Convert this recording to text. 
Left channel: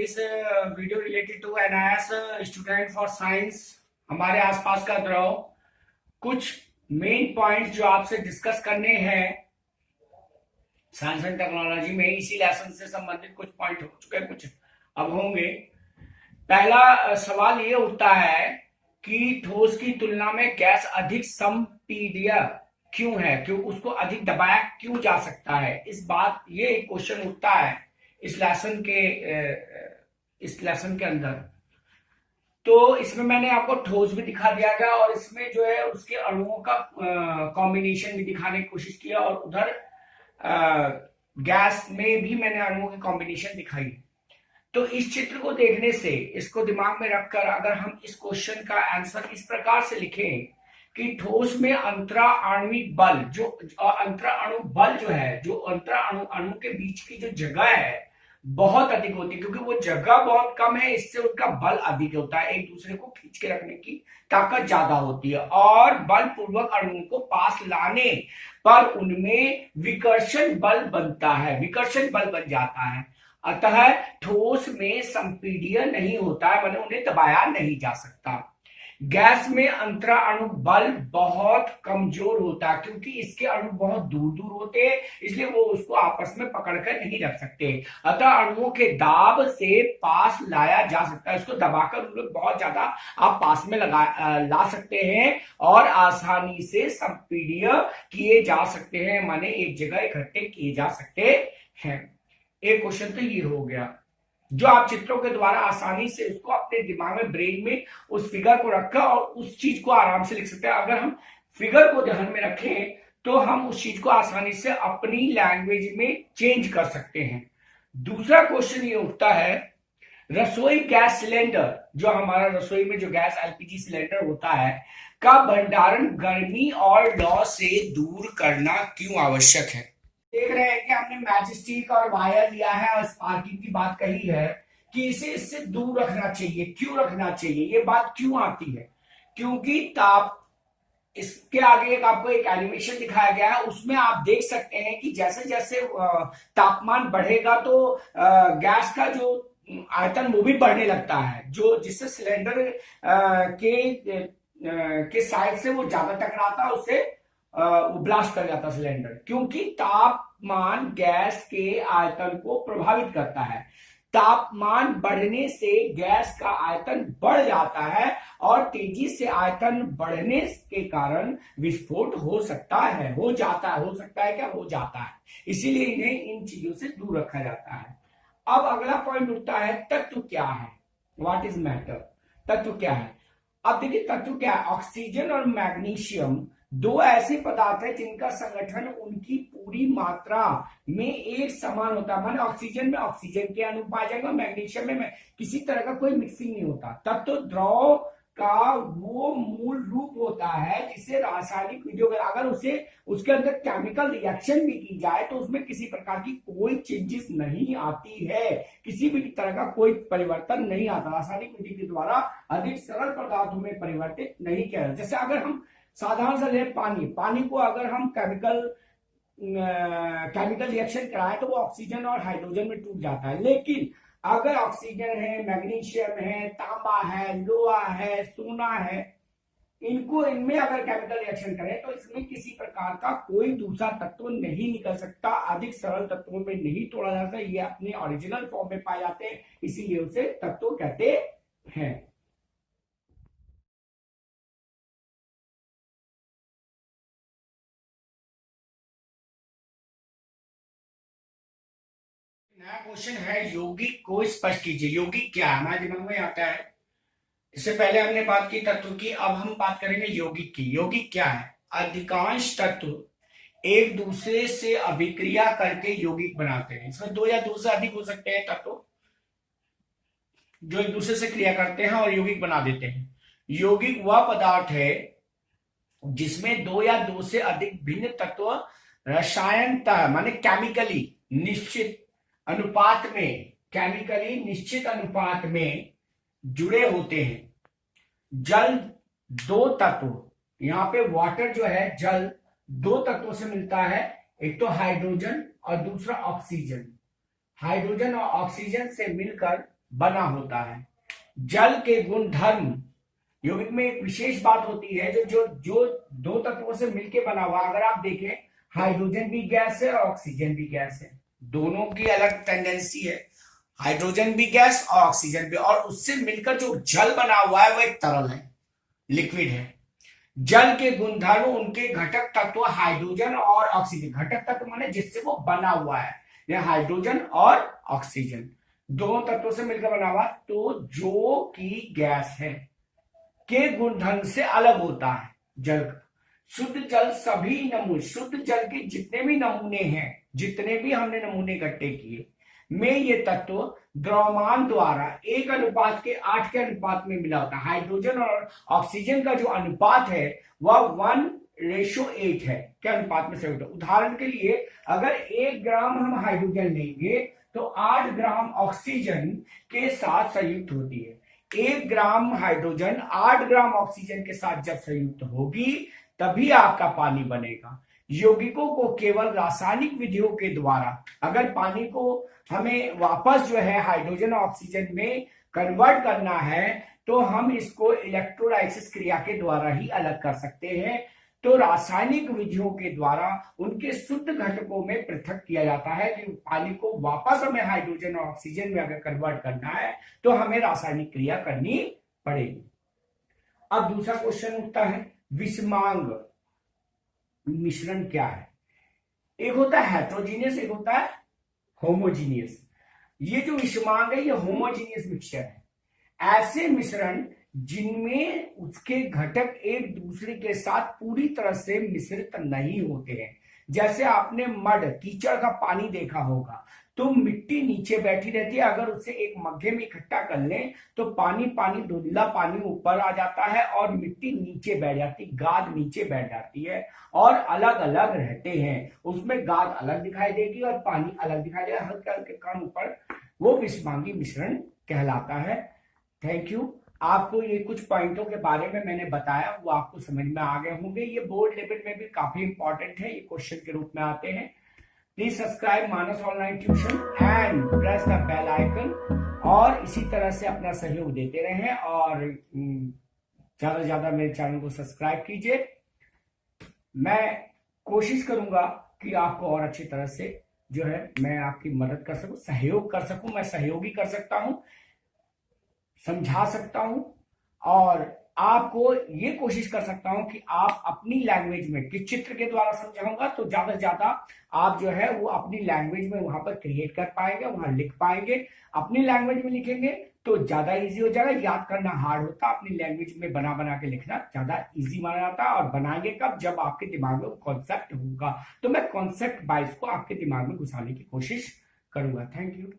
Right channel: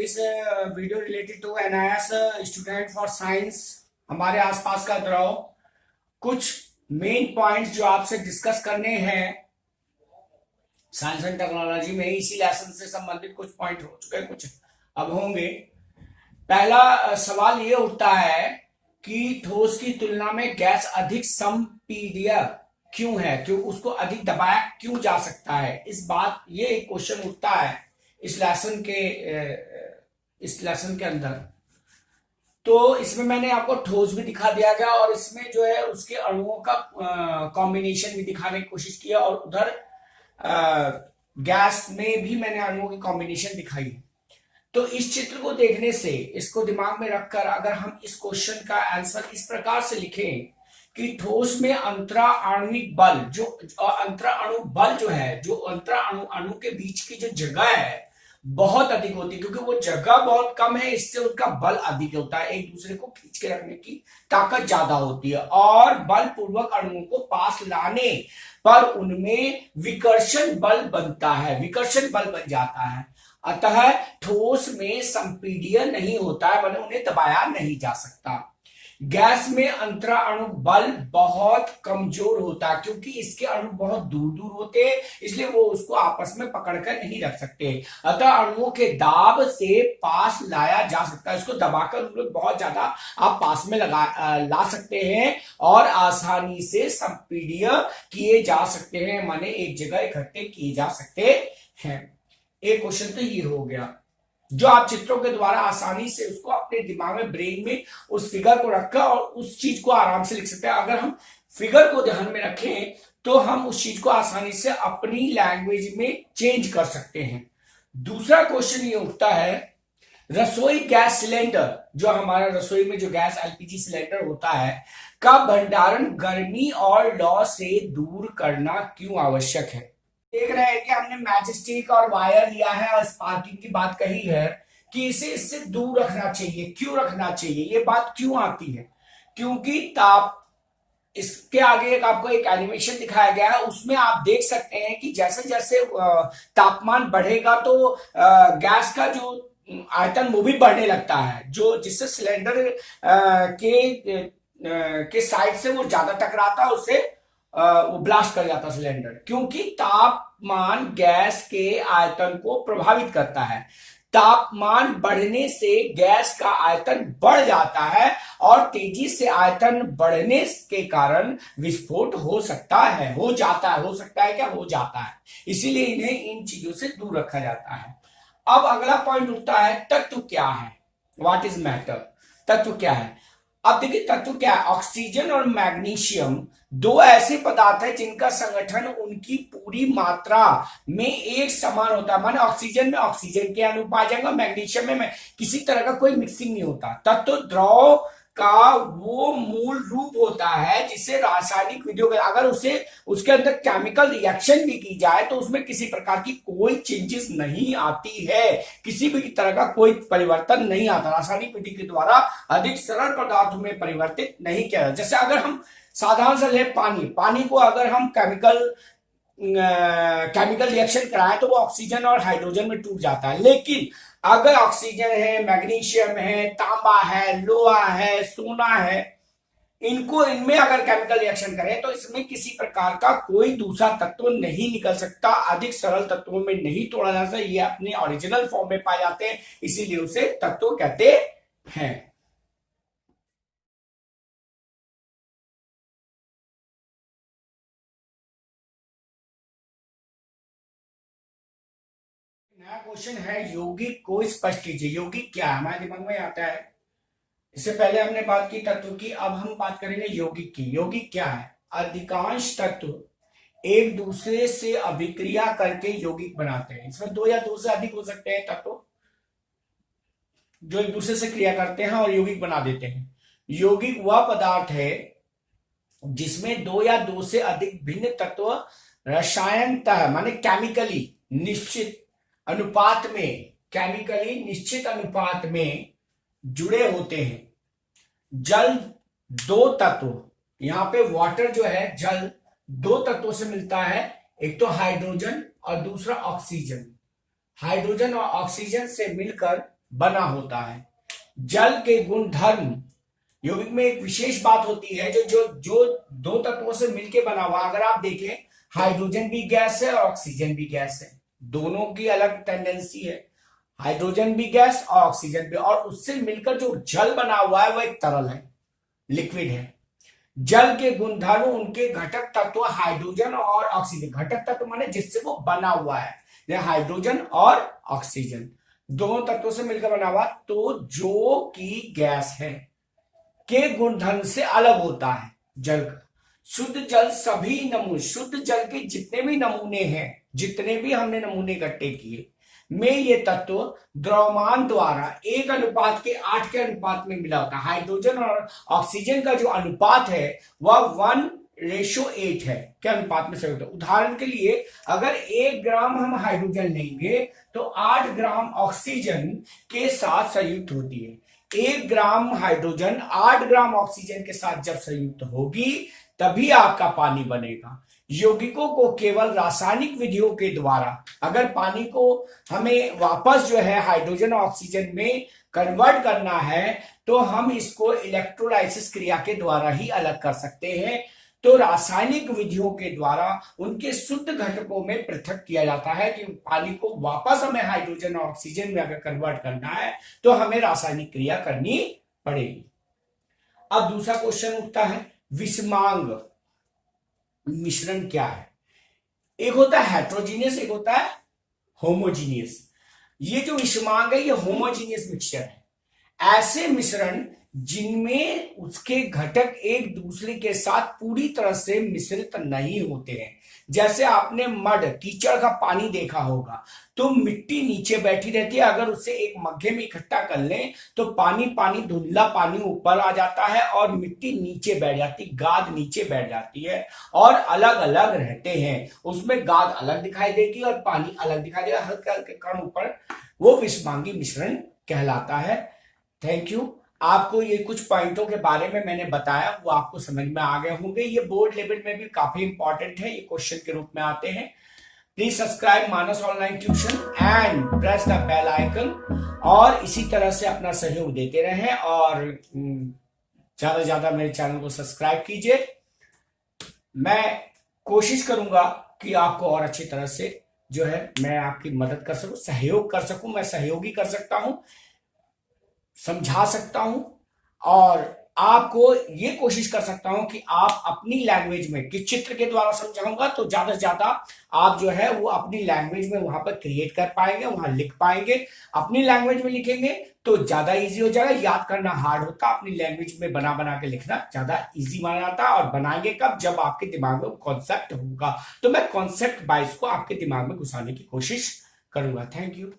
this video related to NIS student for science। हमारे आसपास का द्रव, कुछ मेन पॉइंट्स जो आपसे डिस्कस करने हैं साइंस एंड टेक्नोलॉजी में। इसी लेसन से संबंधित कुछ पॉइंट हो चुके हैं, कुछ अब होंगे। पहला सवाल ये उठता है कि ठोस की तुलना में गैस अधिक संपीड्य क्यों है, क्यों उसको अधिक दबाया क्यों जा सकता है। ये एक क्वेश्चन उठता है इस लेसन के अंदर। तो इसमें मैंने आपको ठोस भी दिखा दिया गया और इसमें जो है उसके अणुओं का कॉम्बिनेशन भी दिखाने की कोशिश किया, और उधर गैस में भी मैंने अणुओं की कॉम्बिनेशन दिखाई। तो इस चित्र को देखने से, इसको दिमाग में रखकर अगर हम इस क्वेश्चन का आंसर इस प्रकार से लिखें कि ठोस में अंतरा आणविक बल, जो अंतरा अणु बल जो है, जो अंतरा अणु के बीच की जो जगह है बहुत अधिक होती है, क्योंकि वो जगह बहुत कम है, इससे उनका बल अधिक होता है, एक दूसरे को खींच के रखने की ताकत ज्यादा होती है, और बल पूर्वक अणुओं को पास लाने पर उनमें विकर्षण बल बनता है, विकर्षण बल बन जाता है। अतः ठोस में संपीड्य नहीं होता है, मतलब उन्हें दबाया नहीं जा सकता। गैस में अंतरा अणु बल बहुत कमजोर होता है, क्योंकि इसके अणु बहुत दूर दूर होते हैं, इसलिए वो उसको आपस में पकड़कर नहीं रख सकते। अतः अणुओं के दाब से पास लाया जा सकता है, इसको दबाकर बहुत ज्यादा आप पास में ला सकते हैं और आसानी से संपीड्य किए जा सकते हैं, माने एक जगह इकट्ठे किए जा सकते हैं। एक क्वेश्चन तो ये हो गया, जो आप चित्रों के द्वारा आसानी से उसको अपने दिमाग में, ब्रेन में उस फिगर को रखकर और उस चीज को आराम से लिख सकते हैं। अगर हम फिगर को ध्यान में रखें तो हम उस चीज को आसानी से अपनी लैंग्वेज में चेंज कर सकते हैं। दूसरा क्वेश्चन ये उठता है, रसोई गैस सिलेंडर, जो हमारा रसोई में जो गैस एलपीजी सिलेंडर होता है, का भंडारण गर्मी और लौ से दूर करना क्यों आवश्यक है। देख रहे हैं कि हमने मैचस्टिक और वायर लिया है और स्पार्किंग की बात कही है कि इसे इससे दूर रखना चाहिए। क्यों रखना चाहिए, ये बात क्यों आती है? क्योंकि इसके आगे आपको एक एनिमेशन दिखाया गया है, उसमें आप देख सकते हैं कि जैसे जैसे तापमान बढ़ेगा तो गैस का जो आयतन वो भी बढ़ने लगता है, जो जिससे सिलेंडर के साइड से वो ज्यादा टकराता है, उससे वो ब्लास्ट कर जाता सिलेंडर, क्योंकि तापमान गैस के आयतन को प्रभावित करता है। तापमान बढ़ने से गैस का आयतन बढ़ जाता है और तेजी से आयतन बढ़ने के कारण विस्फोट हो सकता है, हो जाता है, हो सकता है क्या, हो जाता है। इसीलिए इन्हें इन चीजों से दूर रखा जाता है। अब अगला पॉइंट उठता है, तत्व क्या है, व्हाट इज मैटर, तत्व क्या है। अब देखिए तत्व क्या है, ऑक्सीजन और मैग्नीशियम दो ऐसे पदार्थ है जिनका संगठन उनकी पूरी मात्रा में एक समान होता है, माने ऑक्सीजन में ऑक्सीजन के अणु पाए जाएंगे, मैग्नीशियम में किसी तरह का कोई मिक्सिंग नहीं होता। तत्व द्रव का वो मूल रूप होता है जिसे रासायनिक विधियों में अगर उसके अंदर केमिकल रिएक्शन भी की जाए तो उसमें किसी प्रकार की कोई चेंजेस नहीं आती है, किसी भी तरह का कोई परिवर्तन नहीं आता, रासायनिक विधि के द्वारा अधिक सरल पदार्थों में परिवर्तित नहीं किया जाता। जैसे अगर हम साधारण से ले पानी को अगर हम केमिकल रिएक्शन कराएं तो वो ऑक्सीजन और हाइड्रोजन में टूट जाता है, लेकिन अगर ऑक्सीजन है, मैग्नीशियम है, तांबा है, लोहा है, सोना है, इनमें अगर केमिकल रिएक्शन करें तो इसमें किसी प्रकार का कोई दूसरा तत्व नहीं निकल सकता, अधिक सरल तत्वों में नहीं तोड़ा जा सकता, ये अपने ओरिजिनल फॉर्म में पाए जाते हैं, इसीलिए उसे तत्व कहते हैं। नया क्वेश्चन है, यौगिक को स्पष्ट कीजिए। यौगिक क्या है, हमारे दिमाग में आता है, इससे पहले हमने बात की तत्व की, अब हम बात करेंगे यौगिक की। यौगिक क्या है, अधिकांश तत्व एक दूसरे से अभिक्रिया करके यौगिक बनाते हैं। इसमें दो या दो से अधिक हो सकते हैं तत्व जो एक दूसरे से क्रिया करते हैं और यौगिक बना देते हैं। यौगिक वह पदार्थ है जिसमें दो या दो से अधिक भिन्न तत्व रसायनतः माने केमिकली निश्चित अनुपात में जुड़े होते हैं। जल दो तत्व, यहां पे वाटर जो है जल दो तत्वों से मिलता है, एक तो हाइड्रोजन और दूसरा ऑक्सीजन। हाइड्रोजन और ऑक्सीजन से मिलकर बना होता है। जल के गुण धर्म, यौगिक में एक विशेष बात होती है जो जो जो दो तत्वों से मिलकर बना हुआ। अगर आप देखें, हाइड्रोजन भी गैस है और ऑक्सीजन भी गैस है, दोनों की अलग टेंडेंसी है। हाइड्रोजन भी गैस और ऑक्सीजन भी, और उससे मिलकर जो जल बना हुआ है वो एक तरल है, लिक्विड है। जल के गुणधर्म, उनके घटक तत्व हाइड्रोजन और ऑक्सीजन, घटक तत्व माने जिससे वो बना हुआ है, हाइड्रोजन और ऑक्सीजन दोनों तत्वों से मिलकर बना हुआ, तो जो कि गैस है के गुणधर्म से अलग होता है जल का। शुद्ध जल सभी नमूने, शुद्ध जल के जितने भी नमूने हैं, जितने भी हमने नमूने इकट्ठे किए में ये तत्व द्रव्यमान द्वारा 1:8 के अनुपात में मिला होता है। हाइड्रोजन और ऑक्सीजन का जो अनुपात है वह 1:8 है के अनुपात में से होता है। उदाहरण के लिए, अगर 1 ग्राम हम हाइड्रोजन लेंगे तो 8 ग्राम ऑक्सीजन के साथ संयुक्त होती है। 1 ग्राम हाइड्रोजन 8 ग्राम ऑक्सीजन के साथ जब संयुक्त होगी तभी आपका पानी बनेगा। यौगिकों को केवल रासायनिक विधियों के द्वारा, अगर पानी को हमें वापस जो है हाइड्रोजन और ऑक्सीजन में कन्वर्ट करना है तो हम इसको इलेक्ट्रोलाइसिस क्रिया के द्वारा ही अलग कर सकते हैं। तो रासायनिक विधियों के द्वारा उनके शुद्ध घटकों में पृथक किया जाता है कि पानी को वापस हमें हाइड्रोजन और ऑक्सीजन में अगर कन्वर्ट करना है तो हमें रासायनिक क्रिया करनी पड़ेगी। अब दूसरा क्वेश्चन उठता है, विषमांग मिश्रण क्या है? एक होता है हेट्रोजीनियस, एक होता है होमोजीनियस। ये जो विषमांग है ये होमोजीनियस मिक्सचर है। ऐसे मिश्रण जिनमें उसके घटक एक दूसरे के साथ पूरी तरह से मिश्रित नहीं होते हैं। जैसे आपने मड, कीचड़ का पानी देखा होगा, तो मिट्टी नीचे बैठी रहती है, अगर उसे एक मग्गे में इकट्ठा कर लें तो पानी पानी धुंधला पानी ऊपर आ जाता है और मिट्टी नीचे बैठ जाती, गाद नीचे बैठ जाती है और अलग अलग रहते हैं। उसमें गाद अलग दिखाई देगी और पानी अलग दिखाई देगा, हल्के हल्के कण ऊपर, वो विषमांगी मिश्रण कहलाता है। Thank you. आपको ये कुछ पॉइंटों के बारे में मैंने बताया, वो आपको समझ में आ गए होंगे। ये बोर्ड लेवल में भी काफी इंपॉर्टेंट है, ये क्वेश्चन के रूप में आते हैं। Please subscribe Manas online tuition and press the bell icon, और इसी तरह से अपना सहयोग देते रहें और ज्यादा से ज्यादा मेरे चैनल को सब्सक्राइब कीजिए। मैं कोशिश करूंगा कि आपको और अच्छी तरह से जो है मैं आपकी मदद कर सकूं, सहयोग कर सकूं। मैं सहयोगी कर सकता हूं, समझा सकता हूं, और आपको ये कोशिश कर सकता हूं कि आप अपनी लैंग्वेज में, कि चित्र के द्वारा समझाऊंगा तो ज्यादा से ज्यादा आप जो है वो अपनी लैंग्वेज में वहां पर क्रिएट कर पाएंगे, वहां लिख पाएंगे। अपनी लैंग्वेज में लिखेंगे तो ज्यादा इजी हो जाएगा, याद करना हार्ड होता, अपनी लैंग्वेज में बना बना के लिखना ज्यादा इजी माना जाता है। और बनाएंगे कब? जब आपके दिमाग में कॉन्सेप्ट होगा। तो मैं कॉन्सेप्ट वाइज को आपके दिमाग में घुसाने की कोशिश करूंगा। Thank you.